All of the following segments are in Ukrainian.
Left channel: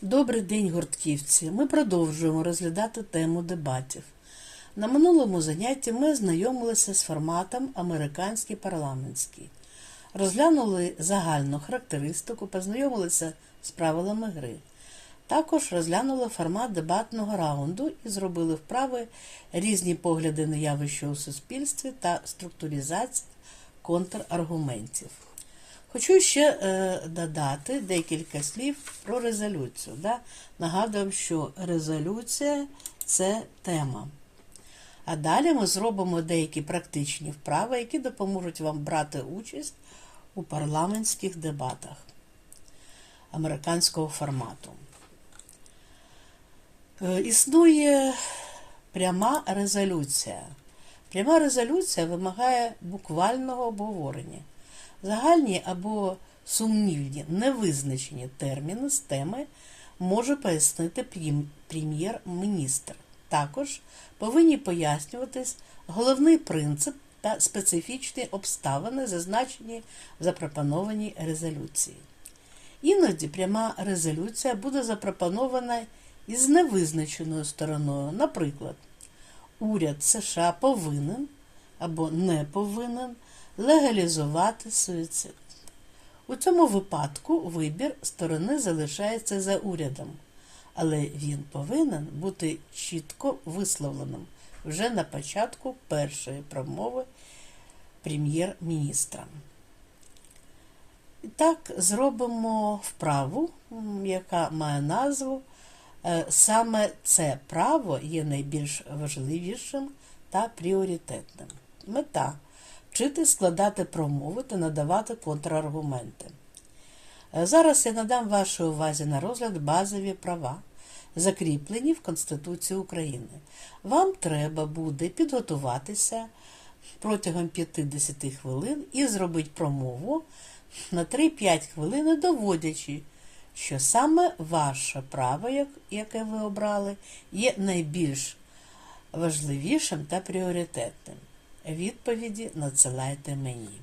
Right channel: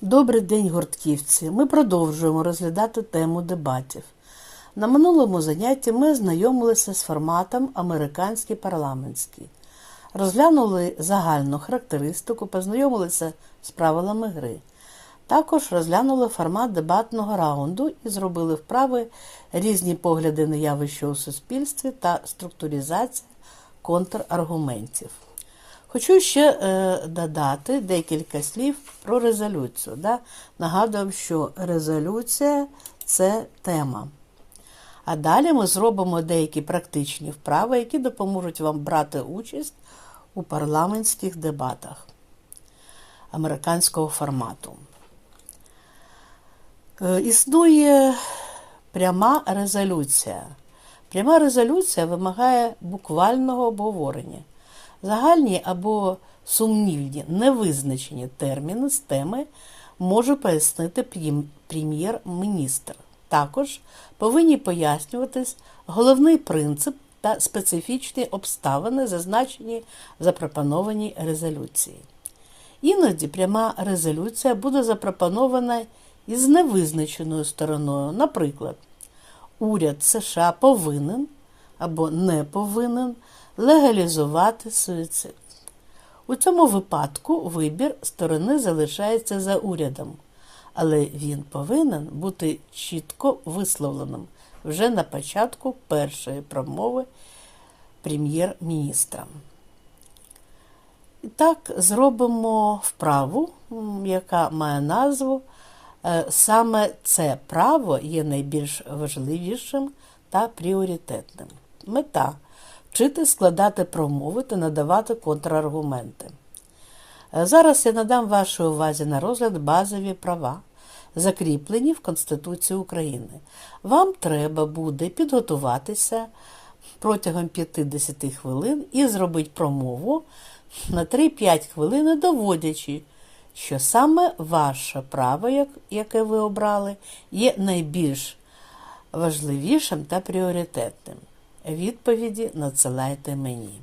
Добрий день, гуртківці! Ми продовжуємо розглядати тему дебатів. На минулому занятті ми знайомилися з форматом американський парламентський, розглянули загальну характеристику, познайомилися з правилами гри. Також розглянули формат дебатного раунду і зробили вправи різні погляди на явище у суспільстві та структуризація контраргументів. Хочу ще е, додати декілька слів про резолюцію. Да? Нагадую, що резолюція це тема. А далі ми зробимо деякі практичні вправи, які допоможуть вам брати участь у парламентських дебатах американського формату. Е, Існує пряма резолюція. Пряма резолюція вимагає буквального обговорення. Загальні або сумнівні невизначені терміни з теми може пояснити прем'єр-міністр. Також повинні пояснюватись головний принцип та специфічні обставини, зазначені в запропонованій резолюції. Іноді пряма резолюція буде запропонована із невизначеною стороною. Наприклад, уряд США повинен або не повинен легалізувати суїцид. У цьому випадку вибір сторони залишається за урядом, але він повинен бути чітко висловленим вже на початку першої промови прем'єр-міністра. І так, зробимо вправу, яка має назву е, Саме це право є найбільш важливішим та пріоритетним. Мета вчити складати промови та надавати контраргументи. Е, Зараз я надам вашій увазі на розгляд базові права, закріплені в Конституції України. Вам треба буде підготуватися протягом 50 хвилин і зробити промову на 3-5 хвилин, доводячи, що саме ваше право, яке ви обрали, є найбільш важливішим та пріоритетним. Відповіді надсилайте мені.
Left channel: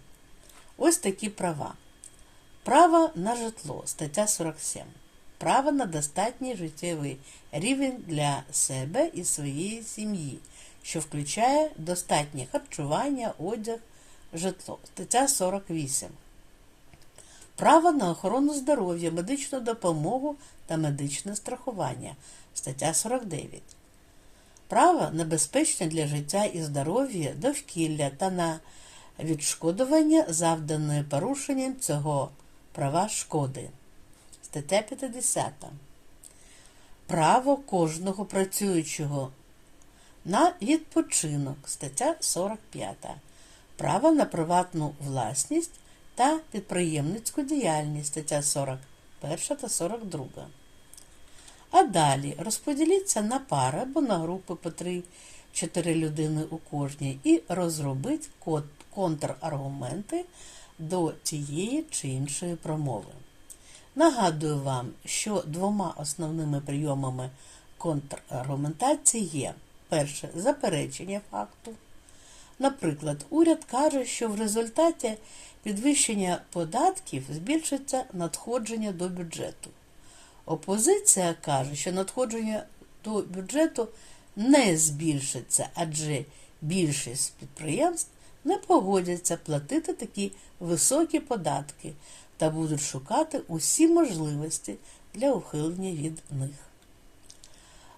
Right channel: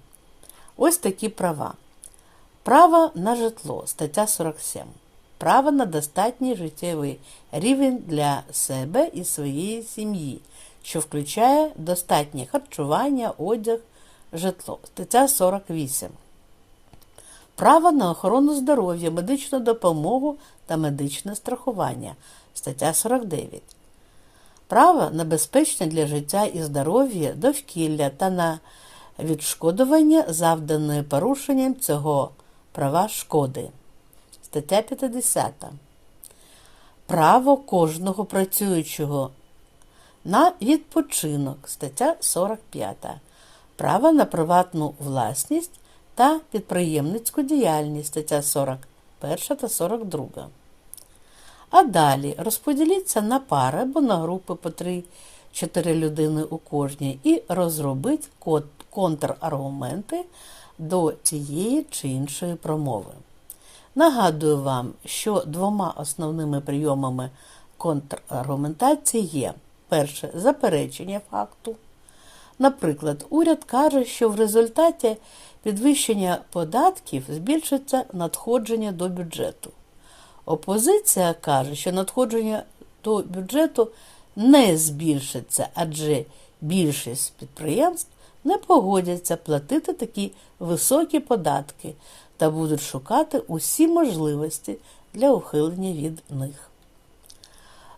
Ось такі права. Право на житло, стаття 47. Право на достатній життєвий рівень для себе і своєї сім'ї, що включає достатнє харчування, одяг, житло, стаття 48. Право на охорону здоров'я, медичну допомогу та медичне страхування, стаття 49. Право на безпечне для життя і здоров'я довкілля та на відшкодування завданої порушенням цього права шкоди. Стаття 50. Право кожного працюючого на відпочинок. Стаття 45. Право на приватну власність та підприємницьку діяльність. Стаття 41 та 42. А далі розподіліться на пари або на групи по 3-4 людини у кожній і розробіть контраргументи до цієї чи іншої промови. Нагадую вам, що двома основними прийомами контраргументації є перше заперечення факту. Наприклад, уряд каже, що в результаті підвищення податків збільшиться надходження до бюджету. Опозиція каже, що надходження до бюджету не збільшиться, адже більшість підприємств не погодяться платити такі високі податки та будуть шукати усі можливості для ухилення від них.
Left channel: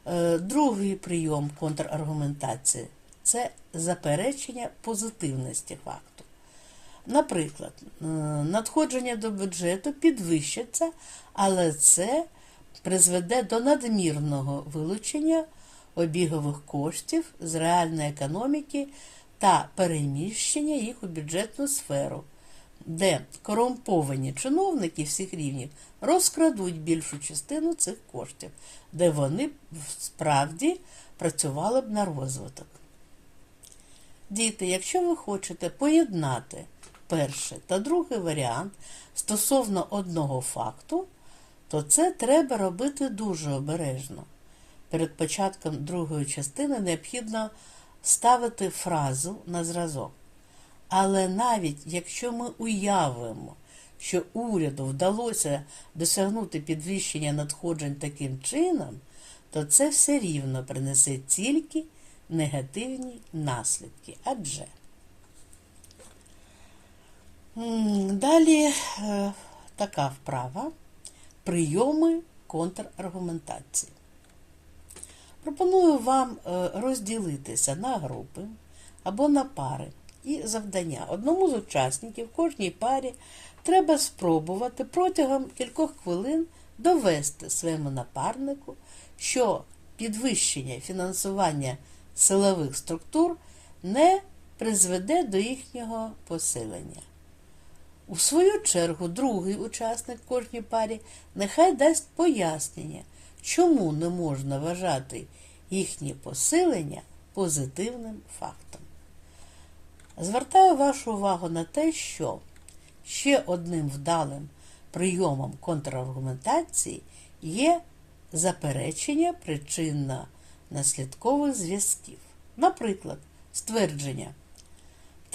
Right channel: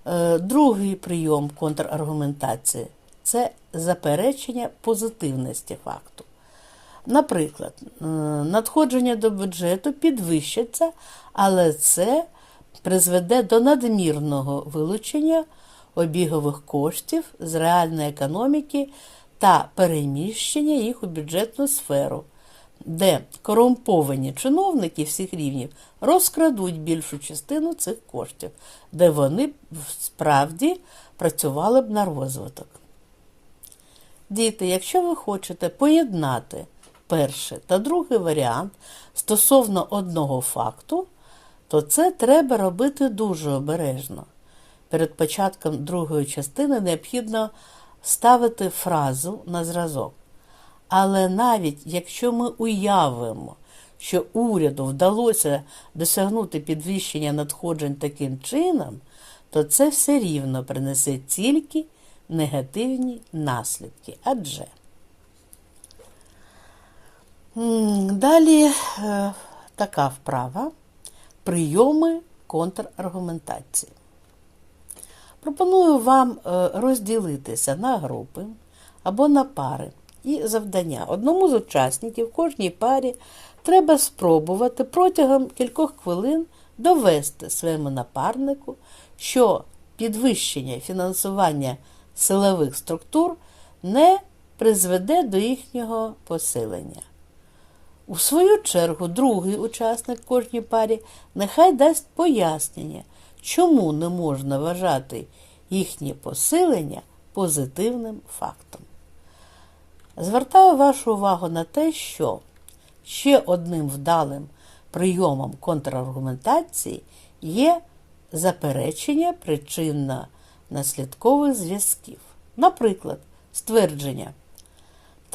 Е, Другий прийом контраргументації це заперечення позитивності факту. Наприклад, надходження до бюджету підвищиться, але це призведе до надмірного вилучення обігових коштів з реальної економіки та переміщення їх у бюджетну сферу, де корумповані чиновники всіх рівнів розкрадуть більшу частину цих коштів, де вони справді працювали б на розвиток. Діти, якщо ви хочете поєднати перший та другий варіант стосовно одного факту, то це треба робити дуже обережно. Перед початком другої частини необхідно ставити фразу на зразок. Але навіть якщо ми уявимо, що уряду вдалося досягнути підвищення надходжень таким чином, то це все рівно принесе тільки негативні наслідки. Адже далі е, така вправа прийоми контраргументації. Пропоную вам е, розділитися на групи або на пари і завдання. Одному з учасників кожній парі треба спробувати протягом кількох хвилин довести своєму напарнику, що підвищення фінансування силових структур не призведе до їхнього посилення. У свою чергу, другий учасник кожній парі нехай дасть пояснення, чому не можна вважати їхнє посилення позитивним фактом. Звертаю вашу увагу на те, що ще одним вдалим прийомом контраргументації є заперечення причинно-наслідкових зв'язків. Наприклад, ствердження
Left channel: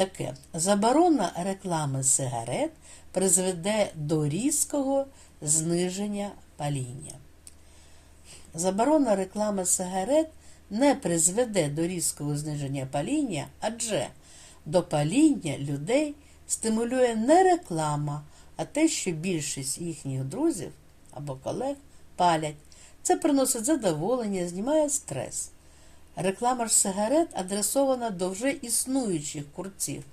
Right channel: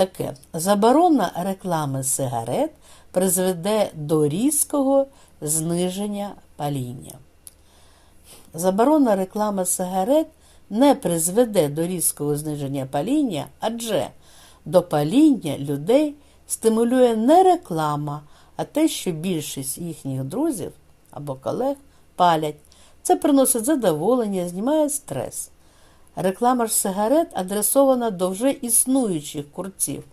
таке: заборона реклами сигарет призведе до різкого зниження паління. Заборона реклами сигарет не призведе до різкого зниження паління, адже до паління людей стимулює не реклама, а те, що більшість їхніх друзів або колег палять. Це приносить задоволення, знімає стрес. Реклама ж сигарет адресована до вже існуючих курців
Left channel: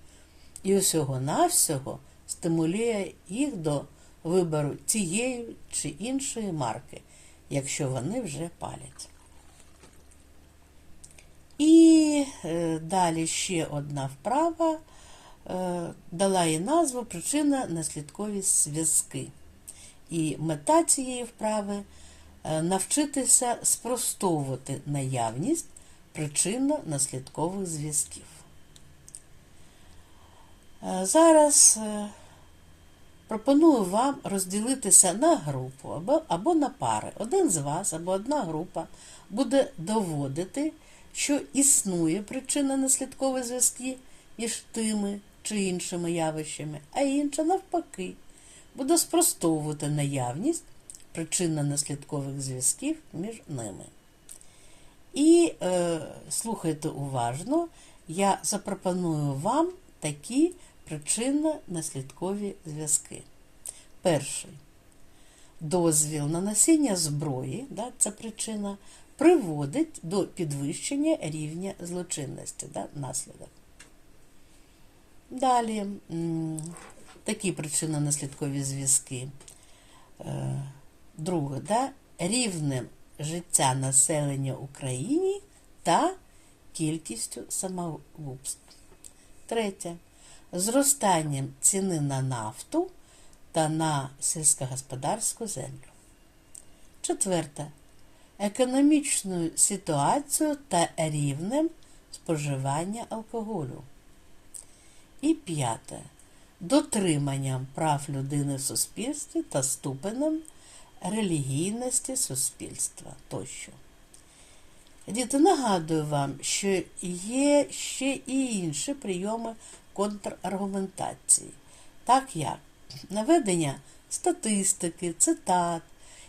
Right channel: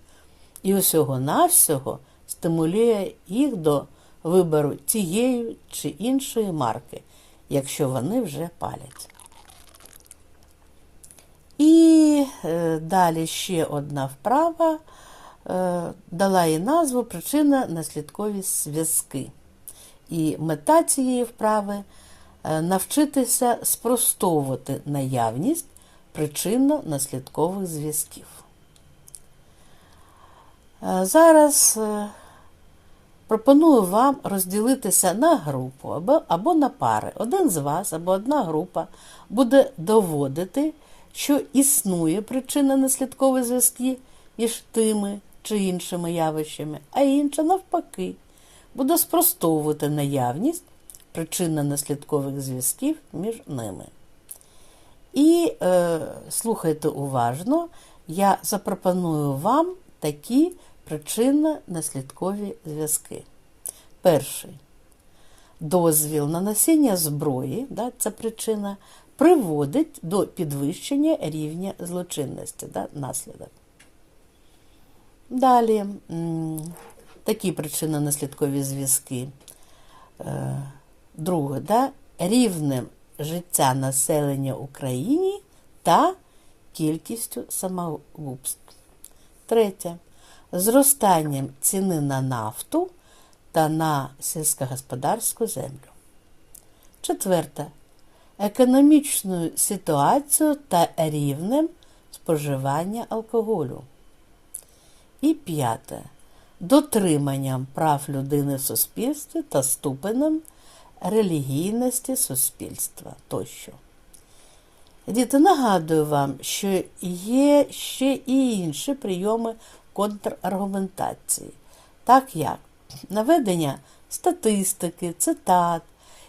і усього-навсього стимулює їх до вибору тієї чи іншої марки, якщо вони вже палять. І е, далі ще одна вправа е, дала їй назву причина-наслідкові зв'язки. І мета цієї вправи е, навчитися спростовувати наявність причинно-наслідкових зв'язків. Е, Зараз е, пропоную вам розділитися на групу або, на пари. Один з вас або одна група буде доводити, що існує причинно-наслідкові зв'язки між тими чи іншими явищами, а інша, навпаки, буде спростовувати наявність причинно-наслідкових зв'язків між ними. І е, слухайте уважно, я запропоную вам такі причинно-наслідкові зв'язки. Перший дозвіл на носіння зброї, да, це причина, приводить до підвищення рівня злочинності, да, наслідок. Далі такі причинно-наслідкові зв'язки. Е, друге, да, рівнем життя населення Україні та кількістю самогубств. Третє. Зростанням ціни на нафту та на сільськогосподарську землю. Четверте. Економічною ситуацією та рівнем споживання алкоголю. І п'яте. Дотриманням прав людини в суспільстві та ступенем релігійності суспільства тощо. Діти, нагадую вам, що є ще і інші прийоми контраргументації, так як наведення статистики, цитат,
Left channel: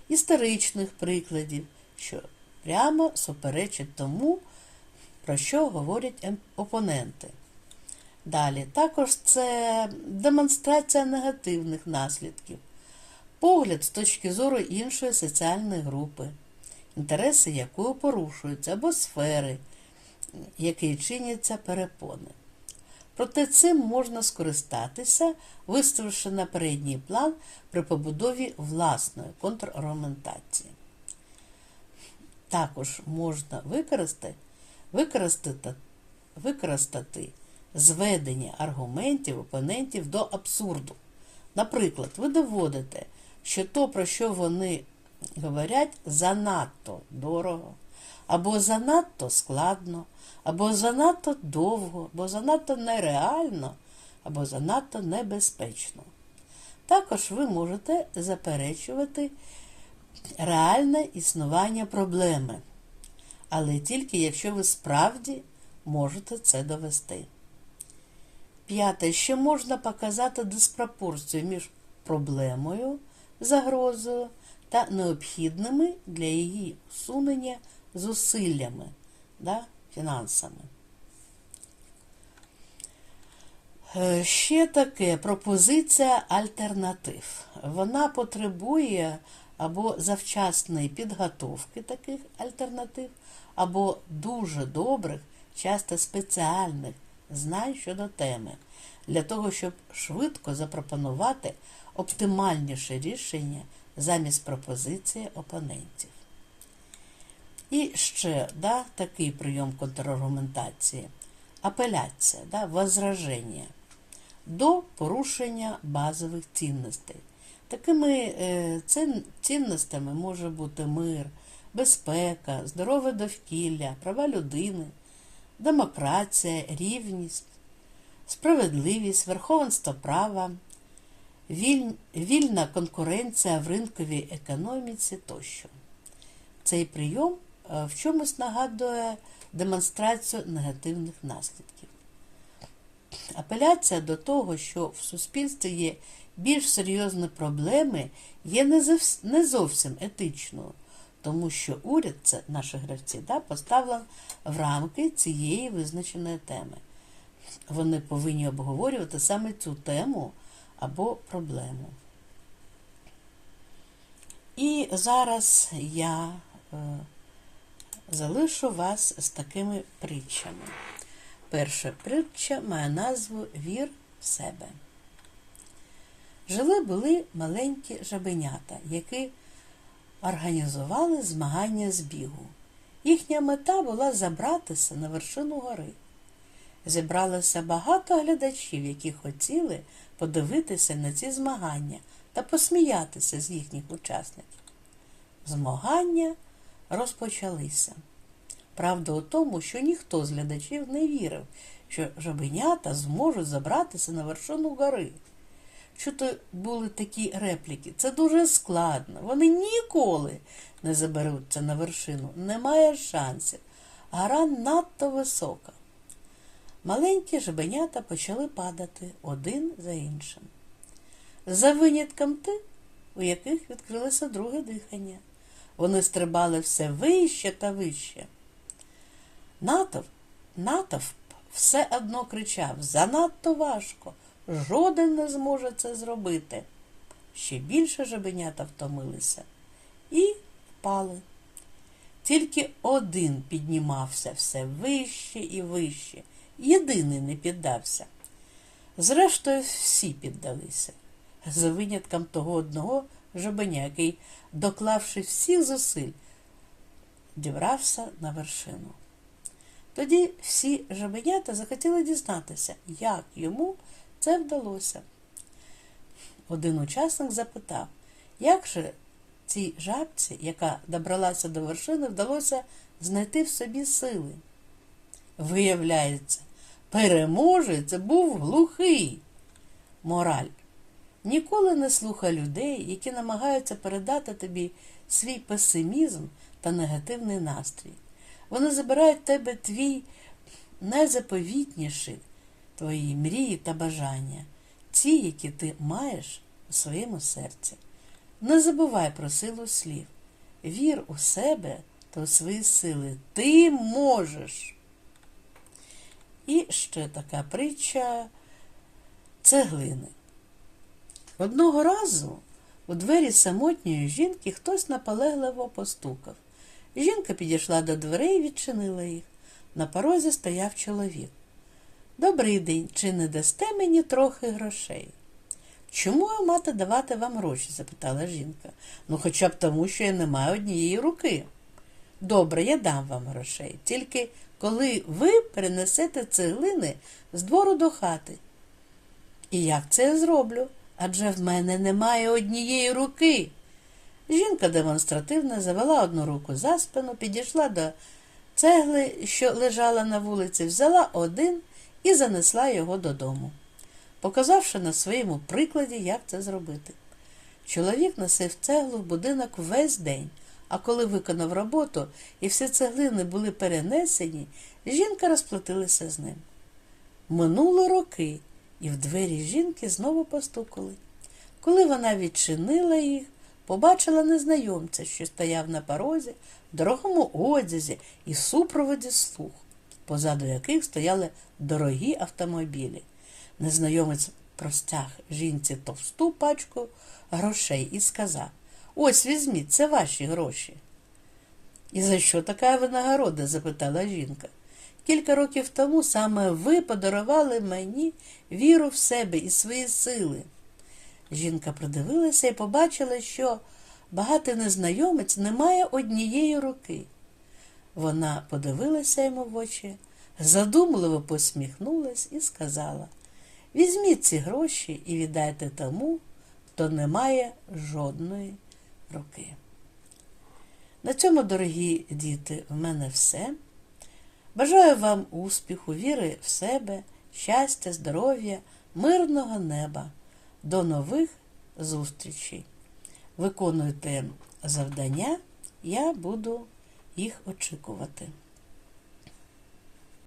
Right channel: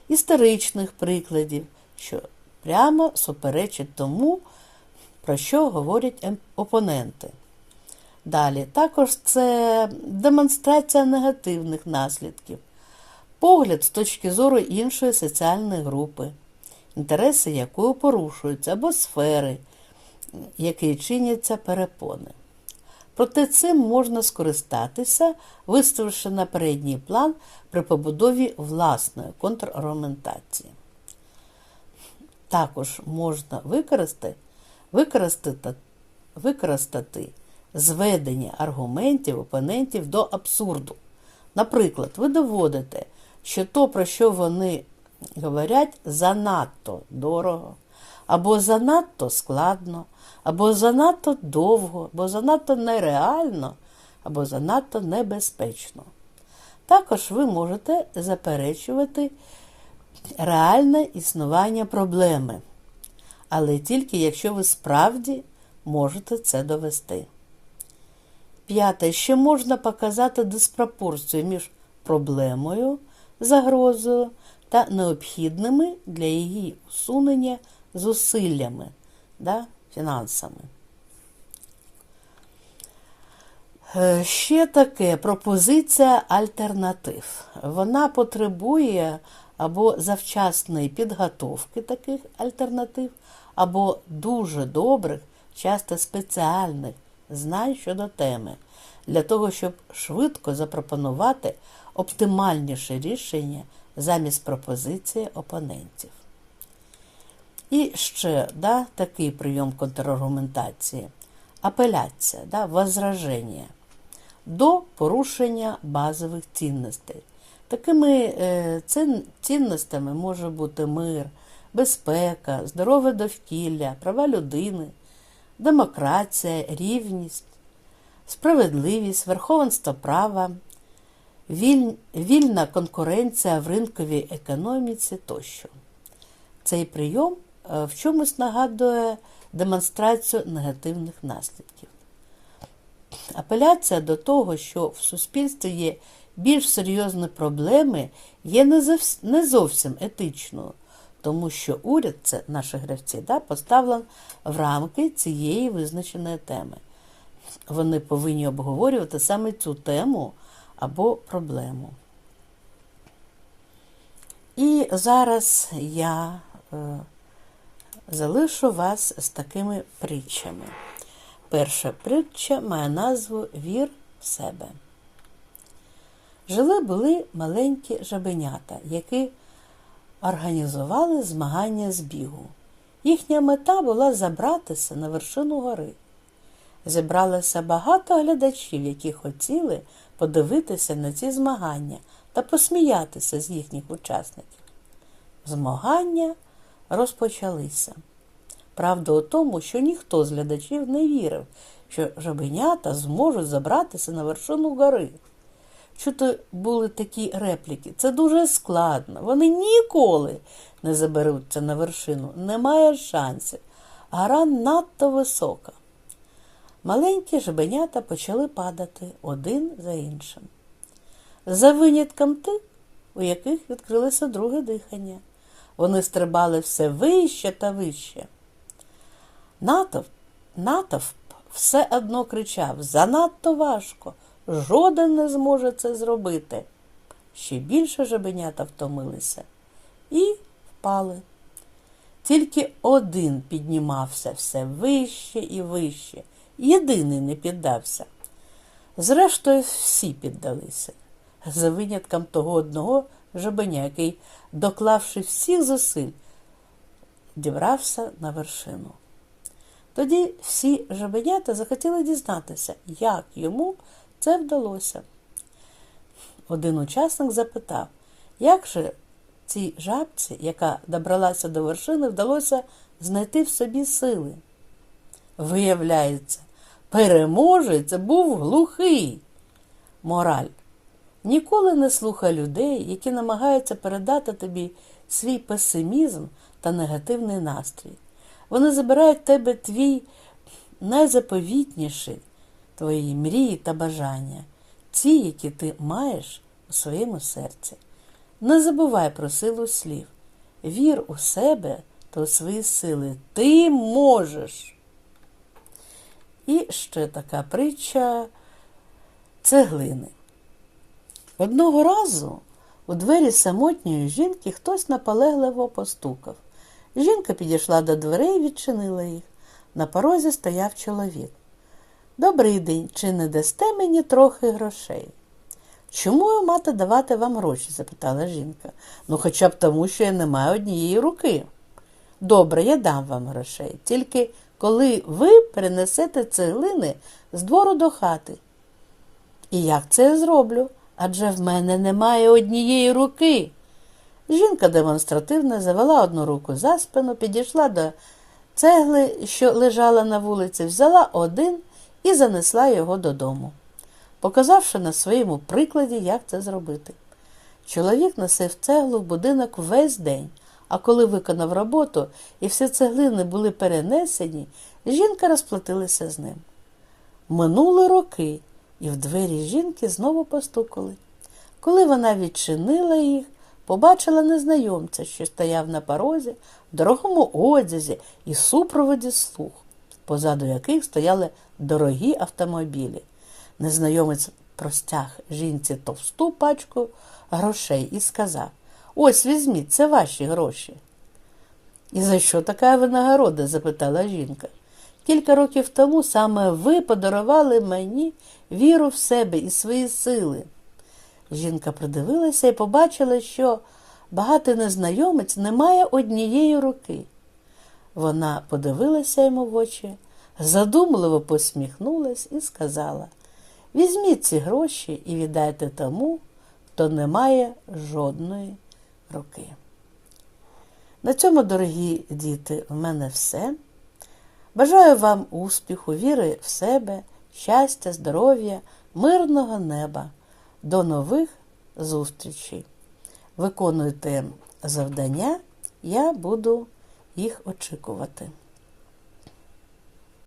історичних прикладів, що прямо суперечить тому, про що говорять ем- опоненти. Далі, також це демонстрація негативних наслідків, погляд з точки зору іншої соціальної групи, інтереси якої порушуються, або сфери, які чиняться перепони. Проте цим можна скористатися, виставивши на передній план при побудові власної контраргументації. Також можна використати, використати, використати зведення аргументів опонентів до абсурду. Наприклад, ви доводите, що то, про що вони говорять, занадто дорого, або занадто складно, або занадто довго, або занадто нереально, або занадто небезпечно. Також ви можете заперечувати реальне існування проблеми, але тільки якщо ви справді можете це довести. П'яте, ще можна показати диспропорцію між проблемою, загрозою та необхідними для її усунення зусиллями, да, фінансами. Е, Ще таке пропозиція альтернатив. Вона потребує або завчасної підготовки таких альтернатив, або дуже добрих, часто спеціальних знань щодо теми, для того, щоб швидко запропонувати оптимальніше рішення замість пропозиції опонентів. І ще да, такий прийом контраргументації апеляція, да, возраження до порушення базових цінностей. Такими е, цінностями може бути мир, безпека, здорове довкілля, права людини, демократія, рівність, справедливість, верховенство права, вільна конкуренція в ринковій економіці тощо. Цей прийом е, в чомусь нагадує демонстрацію негативних наслідків. Апеляція до того, що в суспільстві є більш серйозні проблеми, є не зовс- не зовсім етичною, тому що уряд, це наші гравці, да, поставлен в рамки цієї визначеної теми. Вони повинні обговорювати саме цю тему або проблему. І зараз я е, залишу вас з такими притчами. Перша притча має назву Вір в себе. Жили були маленькі жабенята, які організували змагання з бігу. Їхня мета була забратися на вершину гори. Зібралося багато глядачів, які хотіли подивитися на ці змагання та посміятися з їхніх учасників. Змагання розпочалися. Правда у тому, що ніхто з глядачів не вірив, що жабенята зможуть забратися на вершину гори. Чути були такі репліки. Це дуже складно. Вони ніколи не заберуться на вершину. Немає шансів. Гора надто висока. Маленькі жабенята почали падати один за іншим. За винятком тих, у яких відкрилося друге дихання. Вони стрибали все вище та вище. Натовп, натовп все одно кричав занадто важко, жоден не зможе це зробити. Ще більше жабенята втомилися і впали. Тільки один піднімався все вище і вище, єдиний не піддався. Зрештою, всі піддалися, за винятком того одного жабеня, який, доклавши всіх зусиль, дібрався на вершину. Тоді всі жабенята захотіли дізнатися, як йому це вдалося. Один учасник запитав, як же цій жабці, яка добралася до вершини, вдалося знайти в собі сили. Виявляється, переможець був глухий. Мораль. Ніколи не слухай людей, які намагаються передати тобі свій песимізм та негативний настрій. Вони забирають тебе твій найзаповітніший, твої мрії та бажання, ті, які ти маєш у своєму серці. Не забувай про силу слів. Вір у себе та у свої сили. Ти можеш. І ще така притча цеглини. Одного разу у двері самотньої жінки хтось наполегливо постукав. Жінка підійшла до дверей і відчинила їх. На порозі стояв чоловік. Добрий день, чи не дасте мені трохи грошей? Чому я мати давати вам гроші? запитала жінка. Ну, хоча б тому, що я не маю однієї руки. Добре, я дам вам грошей, тільки коли ви перенесете цеглини з двору до хати. І як це я зроблю? Адже в мене немає однієї руки. Жінка демонстративно завела одну руку за спину, підійшла до цегли, що лежала на вулиці, взяла один і занесла його додому, показавши на своєму прикладі, як це зробити. Чоловік носив цеглу в будинок весь день, а коли виконав роботу і всі цеглини були перенесені, жінка розплатилася з ним. Минули роки, і в двері жінки знову постукали. Коли вона відчинила їх, побачила незнайомця, що стояв на порозі, в дорогому одязі і супроводі слуг, позаду яких стояли дорогі автомобілі. Незнайомець простяг жінці товсту пачку грошей і сказав: Ось візьміть, це ваші гроші. І за що така винагорода? запитала жінка. Кілька років тому саме ви подарували мені віру в себе і свої сили. Жінка придивилася і побачила, що багатий незнайомець не має однієї руки. Вона подивилася йому в очі, задумливо посміхнулась і сказала: Візьміть ці гроші і віддайте тому, хто не має жодної руки. На цьому, дорогі діти, в мене все. Бажаю вам успіху, віри в себе, щастя, здоров'я, мирного неба. До нових зустрічей. Виконуйте завдання, я буду їх очікувати.